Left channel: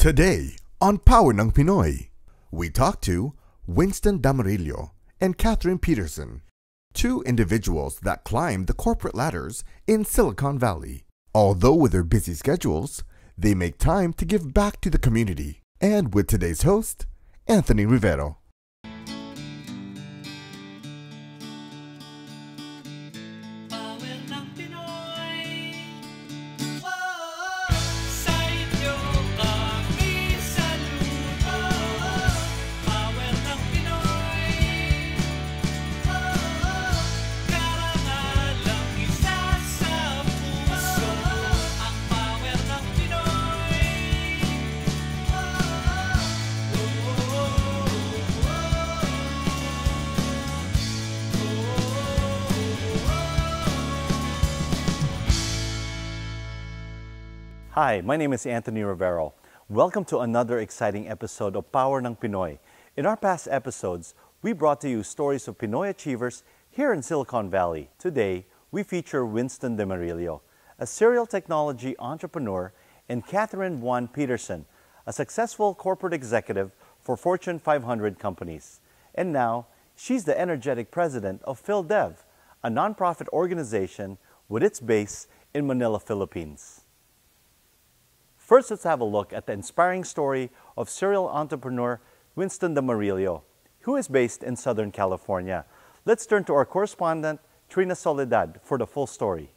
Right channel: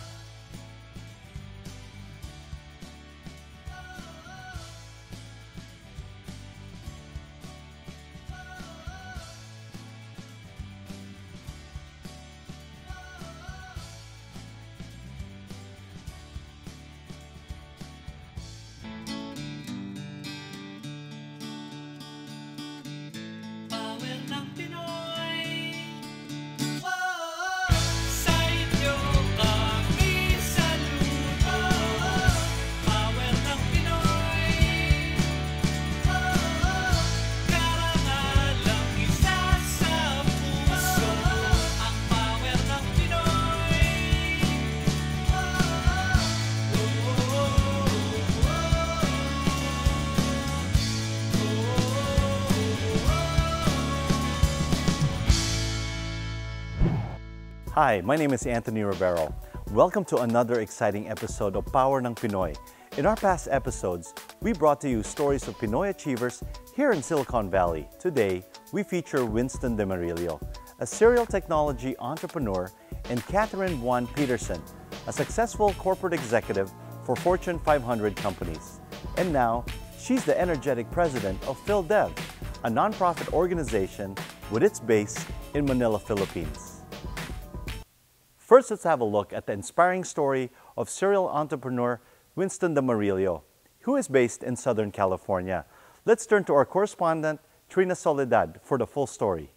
Today, on Power ng Pinoy, we talk to Winston Damarillo and Catherine Peterson, two individuals that climbed the corporate ladders in Silicon Valley. Although with their busy schedules, they make time to give back to the community. And with today's host, Anthony Rivero. Hi, my name is Anthony Rivero. Welcome to another exciting episode of Power ng Pinoy. In our past episodes, we brought to you stories of Pinoy achievers here in Silicon Valley. Today, we feature Winston Damarillo, a serial technology entrepreneur, and Catherine Peterson, a successful corporate executive for Fortune 500 companies. And now, she's the energetic president of PhilDev, a nonprofit organization with its base in Manila, Philippines. First, let's have a look at the inspiring story of serial entrepreneur Winston Damarillo, who is based in Southern California. Let's turn to our correspondent, Trina Soledad, for the full story.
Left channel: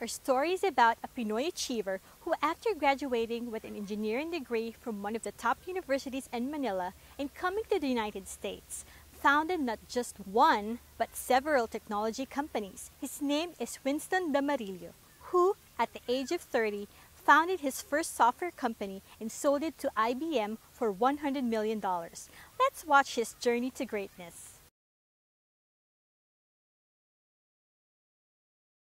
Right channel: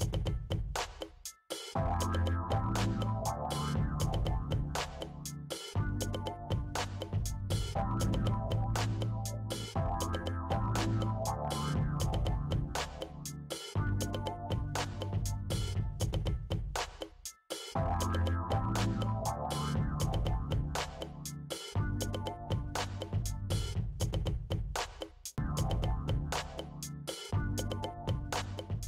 Our story is about a Pinoy achiever who, after graduating with an engineering degree from one of the top universities in Manila and coming to the United States, founded not just one, but several technology companies. His name is Winston Damarillo, who, at the age of 30, founded his first software company and sold it to IBM for $100 million. Let's watch his journey to greatness.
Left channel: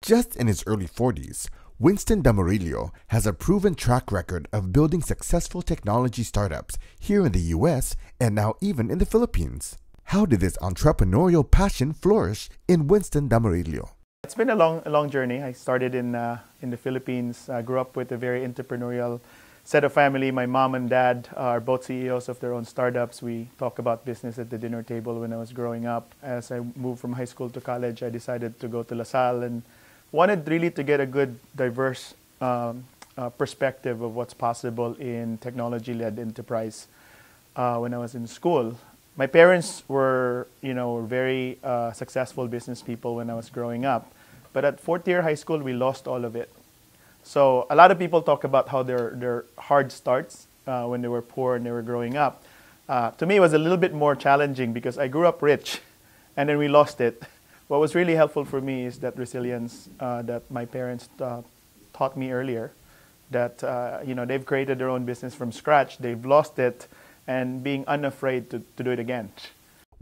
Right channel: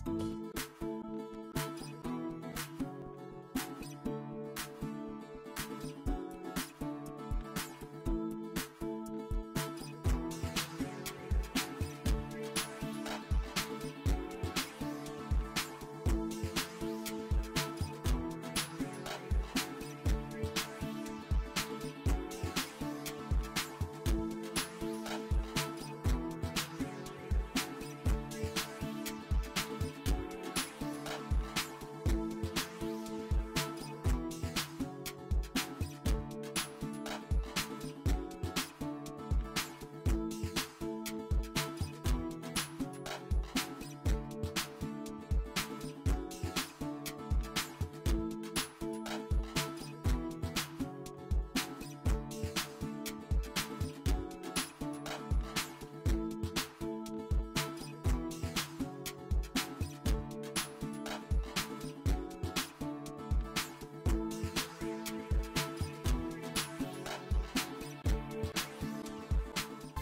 Just in his early 40s, Winston Damarillo has a proven track record of building successful technology startups here in the US and now even in the Philippines. How did this entrepreneurial passion flourish in Winston Damarillo? It's been a long journey. I started in the Philippines. I grew up with a very entrepreneurial set of family. My mom and dad are both CEOs of their own startups. We talk about business at the dinner table when I was growing up. As I moved from high school to college, I decided to go to La Salle and wanted really to get a good, diverse perspective of what's possible in technology-led enterprise when I was in school. My parents were, very successful business people when I was growing up. But at fourth year high school, we lost all of it. So a lot of people talk about how their hard starts when they were poor and they were growing up. To me, it was a little bit more challenging because I grew up rich and then we lost it. What was really helpful for me is that resilience that my parents taught me earlier. That they've created their own business from scratch, they've lost it, and being unafraid to do it again.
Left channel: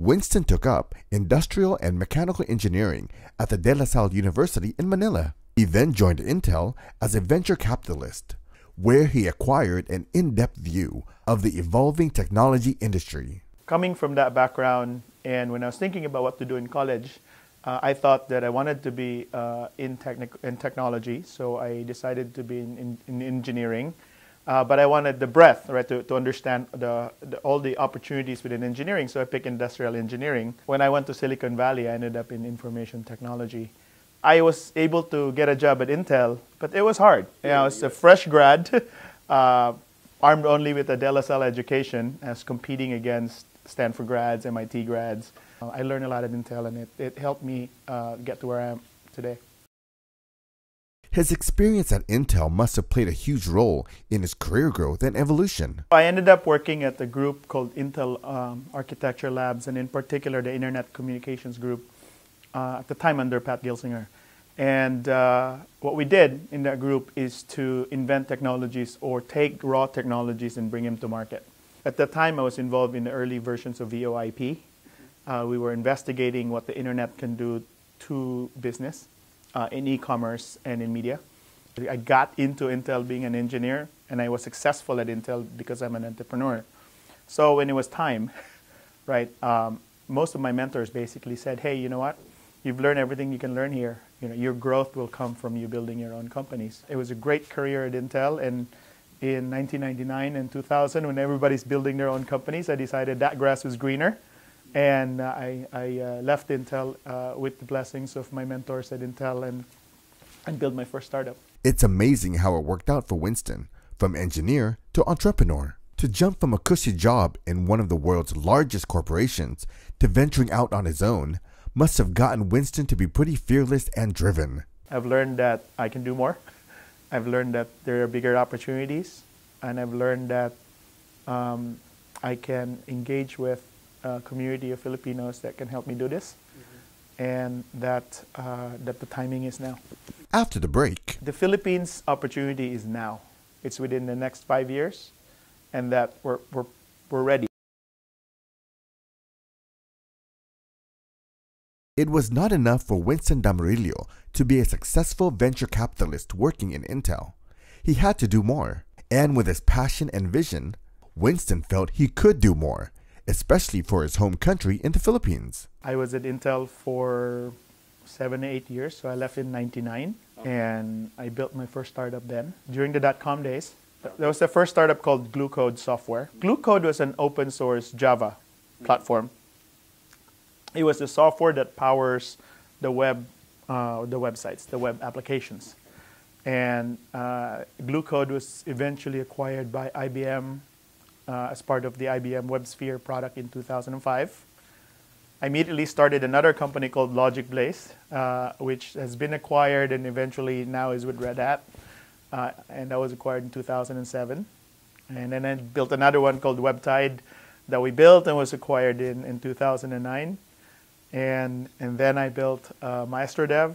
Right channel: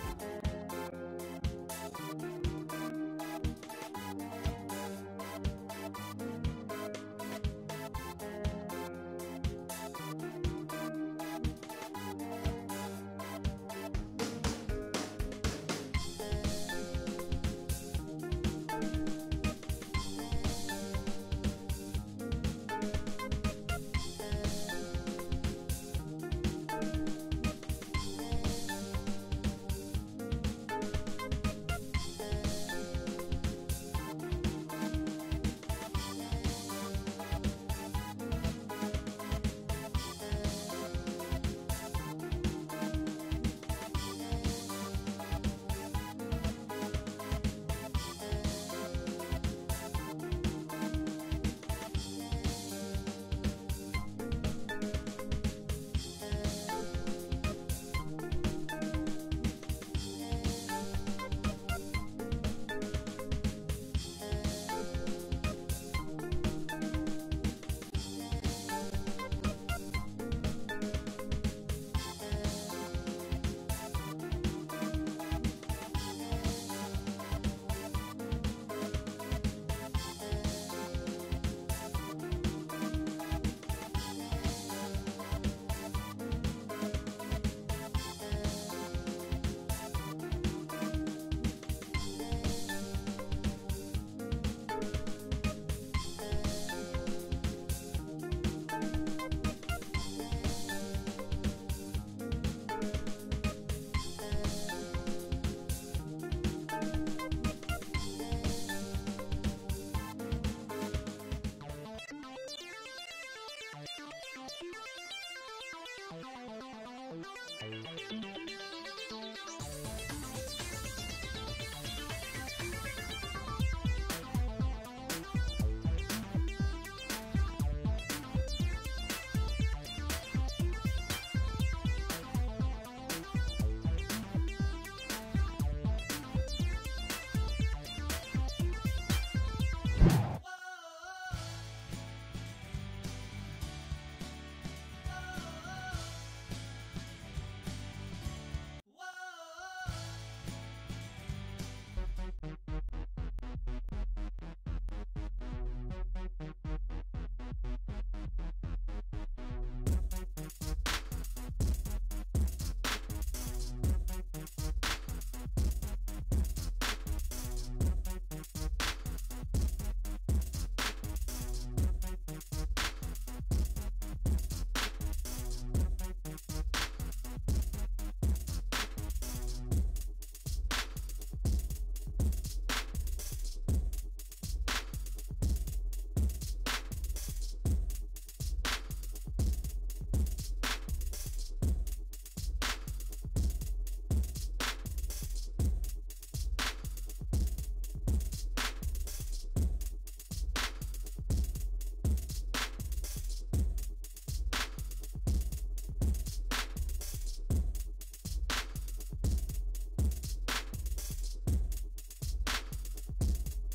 Winston took up industrial and mechanical engineering at the De La Salle University in Manila. He then joined Intel as a venture capitalist, where he acquired an in-depth view of the evolving technology industry. Coming from that background, and when I was thinking about what to do in college, I thought that I wanted to be in technology, so I decided to be in engineering. But I wanted the breadth, right, to understand all the opportunities within engineering, so I picked industrial engineering. When I went to Silicon Valley, I ended up in information technology. I was able to get a job at Intel, but it was hard. I was a fresh grad, armed only with a De La Salle education. I was competing against Stanford grads, MIT grads. I learned a lot at Intel, and it helped me get to where I am today. His experience at Intel must have played a huge role in his career growth and evolution. I ended up working at a group called Intel Architecture Labs, and in particular the Internet Communications Group, at the time under Pat Gelsinger. And what we did in that group is to invent technologies or take raw technologies and bring them to market. At that time, I was involved in the early versions of VoIP. We were investigating what the internet can do to business in e-commerce and in media. I got into Intel being an engineer, and I was successful at Intel because I'm an entrepreneur. So when it was time, right, most of my mentors basically said, hey, you know what? You've learned everything you can learn here. Your growth will come from you building your own companies. It was a great career at Intel, and in 1999 and 2000, when everybody's building their own companies, I decided that grass was greener. And I left Intel with the blessings of my mentors at Intel and built my first startup. It's amazing how it worked out for Winston. From engineer to entrepreneur, to jump from a cushy job in one of the world's largest corporations to venturing out on his own must have gotten Winston to be pretty fearless and driven. I've learned that I can do more. I've learned that there are bigger opportunities, and I've learned that I can engage with a community of Filipinos that can help me do this, and that the timing is now. After the break, The Philippines opportunity is now. It's within the next 5 years, and that we're ready. it was not enough for Winston Damarillo to be a successful venture capitalist working in Intel. He had to do more. And with his passion and vision, Winston felt he could do more, especially for his home country in the Philippines. I was at Intel for 7 to 8 years, so I left in '99, and I built my first startup then. During the dot-com days, there was the first startup called Glucode Software. Glucode was an open source Java platform. It was the software that powers the websites, the web applications. And Glucode was eventually acquired by IBM as part of the IBM WebSphere product in 2005. I immediately started another company called Logic Blaze, which has been acquired and eventually now is with Red Hat. And that was acquired in 2007. And then I built another one called WebTide that we built and was acquired in 2009. And then I built MaestroDev,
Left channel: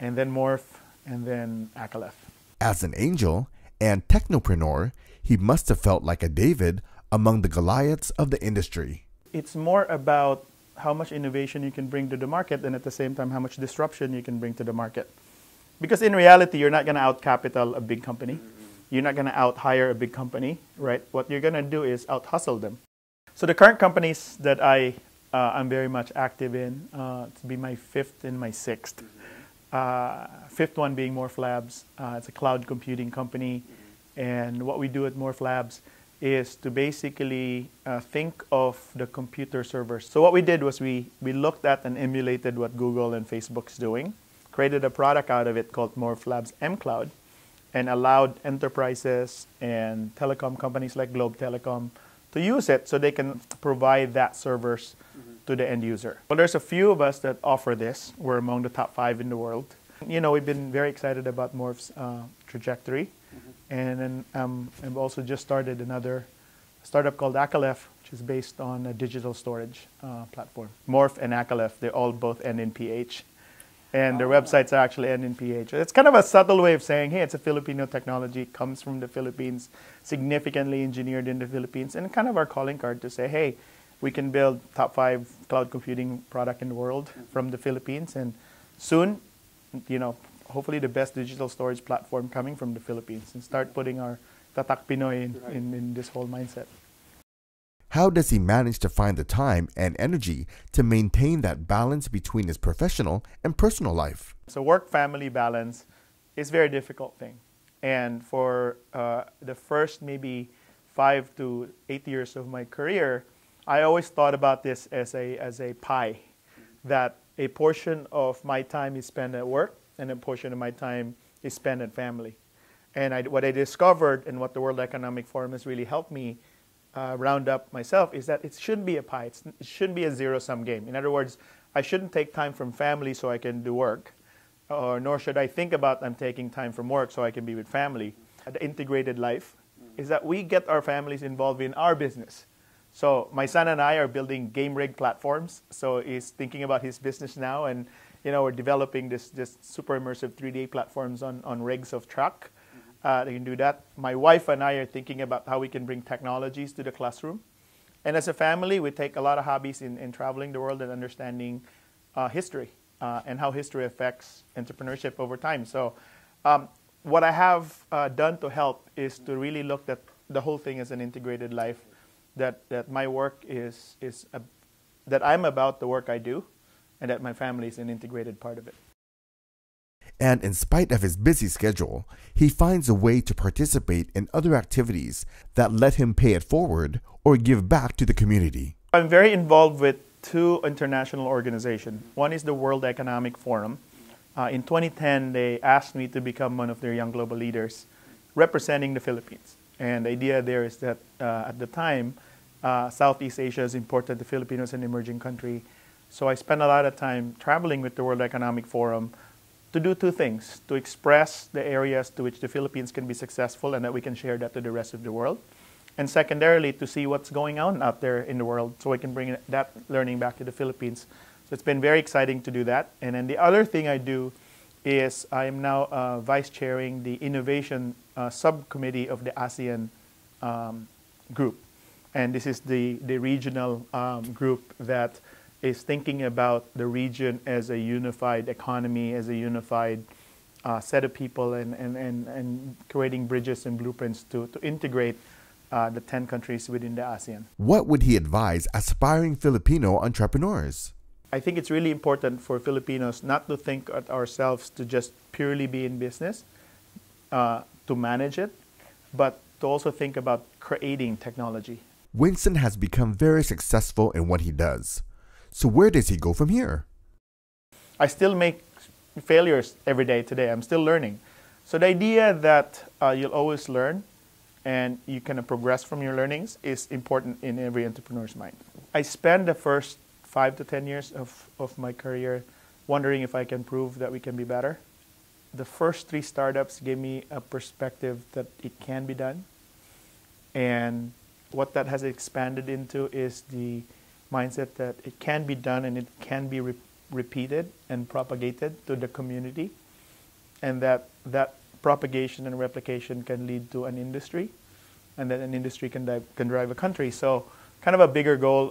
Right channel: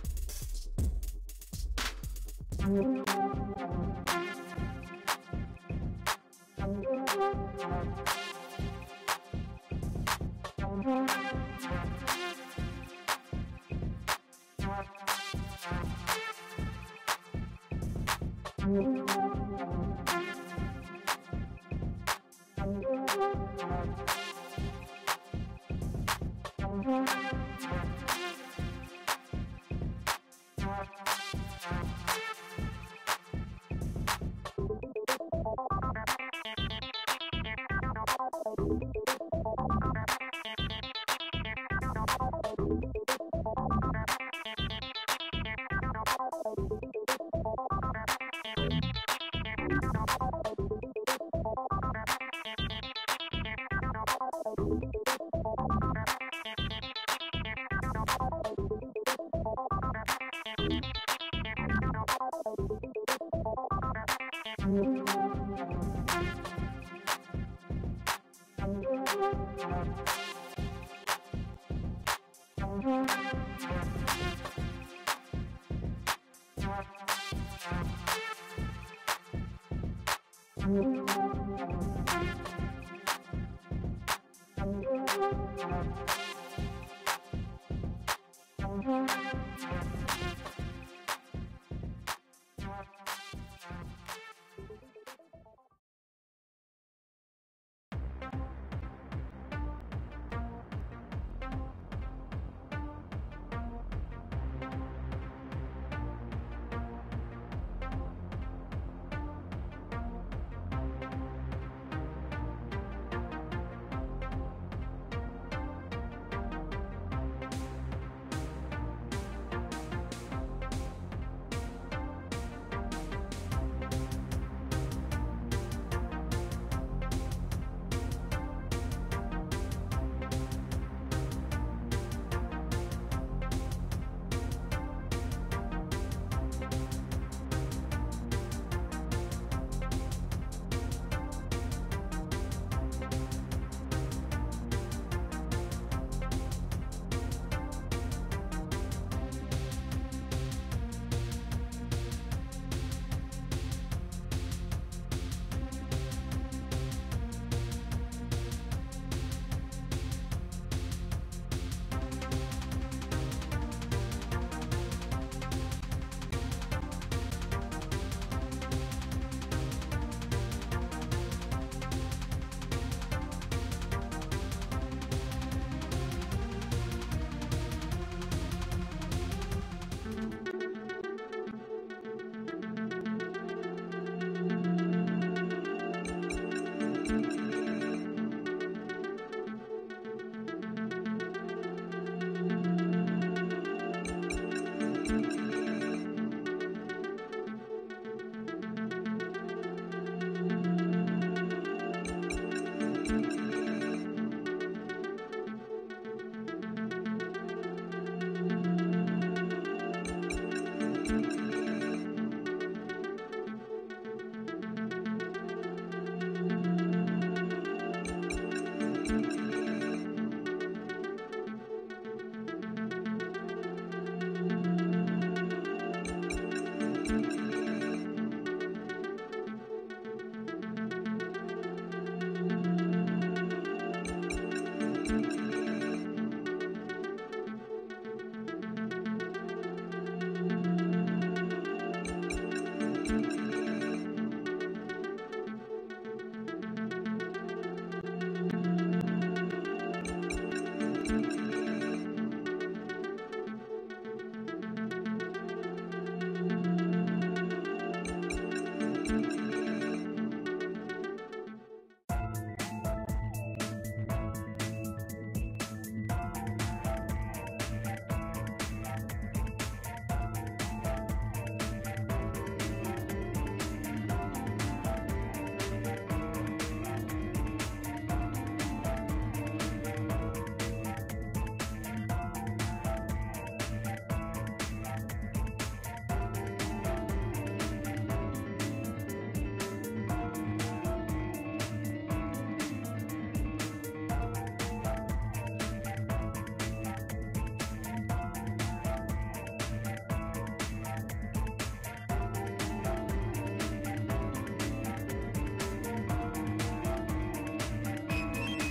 and then Morph, and then Aleph. As an angel and technopreneur, he must have felt like a David among the Goliaths of the industry. It's more about how much innovation you can bring to the market, and at the same time how much disruption you can bring to the market. Because in reality, you're not going to out-capital a big company. You're not going to out-hire a big company, right? What you're going to do is out-hustle them. So the current companies that I'm very much active in, it's been my fifth and my sixth. Fifth one being Morph Labs. It's a cloud computing company, and what we do at Morph Labs is to basically think of the computer servers. So what we did was we looked at and emulated what Google and Facebook is doing, created a product out of it called Morph Labs mCloud, and allowed enterprises and telecom companies like Globe Telecom to use it so they can provide that servers to the end user. Well, there's a few of us that offer this. We're among the top 5 in the world. You know, we've been very excited about Morph's trajectory. And then we've also just started another startup called Aleph, which is based on a digital storage platform. Morph and Aleph, they all both end in PH. And their websites are actually end in PH. It's kind of a subtle way of saying, hey, it's a Filipino technology, it comes from the Philippines, significantly engineered in the Philippines, and kind of our calling card to say, hey, we can build top 5 cloud computing product in the world from the Philippines, and soon, you know, hopefully the best digital storage platform coming from the Philippines, and start putting our Tatak Pinoy in this whole mindset. How does he manage to find the time and energy to maintain that balance between his professional and personal life? So work-family balance is a very difficult thing. And for the first maybe 5 to 8 years of my career, I always thought about this as a pie, that a portion of my time is spent at work and a portion of my time is spent at family. And what I discovered and what the World Economic Forum has really helped me round up myself is that it shouldn't be a pie. It shouldn't be a zero-sum game. In other words, I shouldn't take time from family so I can do work, nor should I think about I'm taking time from work so I can be with family. The integrated life is that we get our families involved in our business. So my son and I are building game rig platforms. So he's thinking about his business now, and you know, we're developing this super immersive 3D platforms on rigs of truck. They can do that. My wife and I are thinking about how we can bring technologies to the classroom. And as a family, we take a lot of hobbies in traveling the world and understanding history and how history affects entrepreneurship over time. So what I have done to help is to really look at the whole thing as an integrated life, that my work is that I'm about the work I do, and that my family is an integrated part of it. And in spite of his busy schedule, he finds a way to participate in other activities that let him pay it forward or give back to the community. I'm very involved with two international organizations. One is the World Economic Forum. In 2010, they asked me to become one of their young global leaders representing the Philippines. And the idea there is that at the time, Southeast Asia has imported the Filipinos, an emerging country. So I spent a lot of time traveling with the World Economic Forum to do two things: to express the areas to which the Philippines can be successful and that we can share that to the rest of the world. And secondarily, to see what's going on out there in the world so we can bring that learning back to the Philippines. So it's been very exciting to do that. And then the other thing I do is I am now vice chairing the innovation subcommittee of the ASEAN group. And this is the regional group that is thinking about the region as a unified economy, as a unified set of people, and creating bridges and blueprints to integrate the 10 countries within the ASEAN. What would he advise aspiring Filipino entrepreneurs? I think it's really important for Filipinos not to think of ourselves to just purely be in business, to manage it, but to also think about creating technology. Winston has become very successful in what he does. So where does he go from here? I still make failures every day today. I'm still learning. So the idea that you'll always learn and you can progress from your learnings is important in every entrepreneur's mind. I spent the first 5 to 10 years of my career wondering if I can prove that we can be better. The first 3 startups gave me a perspective that it can be done. And what that has expanded into is the mindset that it can be done and it can be repeated and propagated to the community, and that propagation and replication can lead to an industry, and then an industry can drive a country. So kind of a bigger goal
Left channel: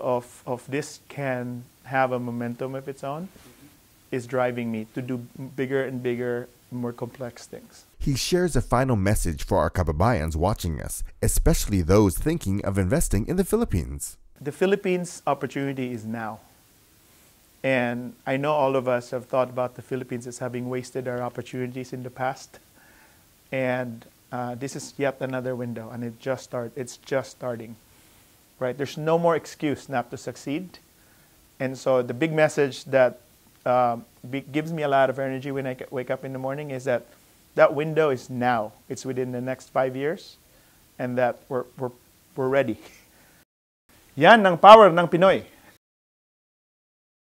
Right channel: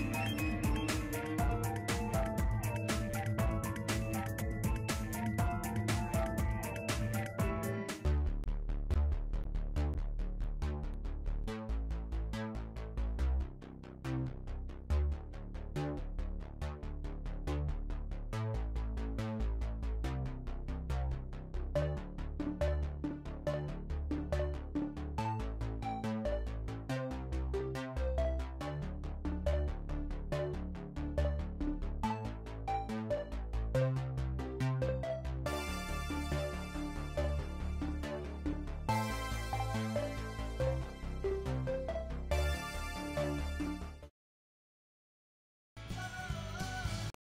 of this can have a momentum of its own is driving me to do bigger and bigger, more complex things. He shares a final message for our kababayans watching us, especially those thinking of investing in the Philippines. The Philippines opportunity is now. And I know all of us have thought about the Philippines as having wasted our opportunities in the past. And this is yet another window, and it's just starting. Right? There's no more excuse not to succeed. And so the big message that gives me a lot of energy when I wake up in the morning is that window is now. It's within the next 5 years, and that we're ready. Yan ang power ng Pinoy.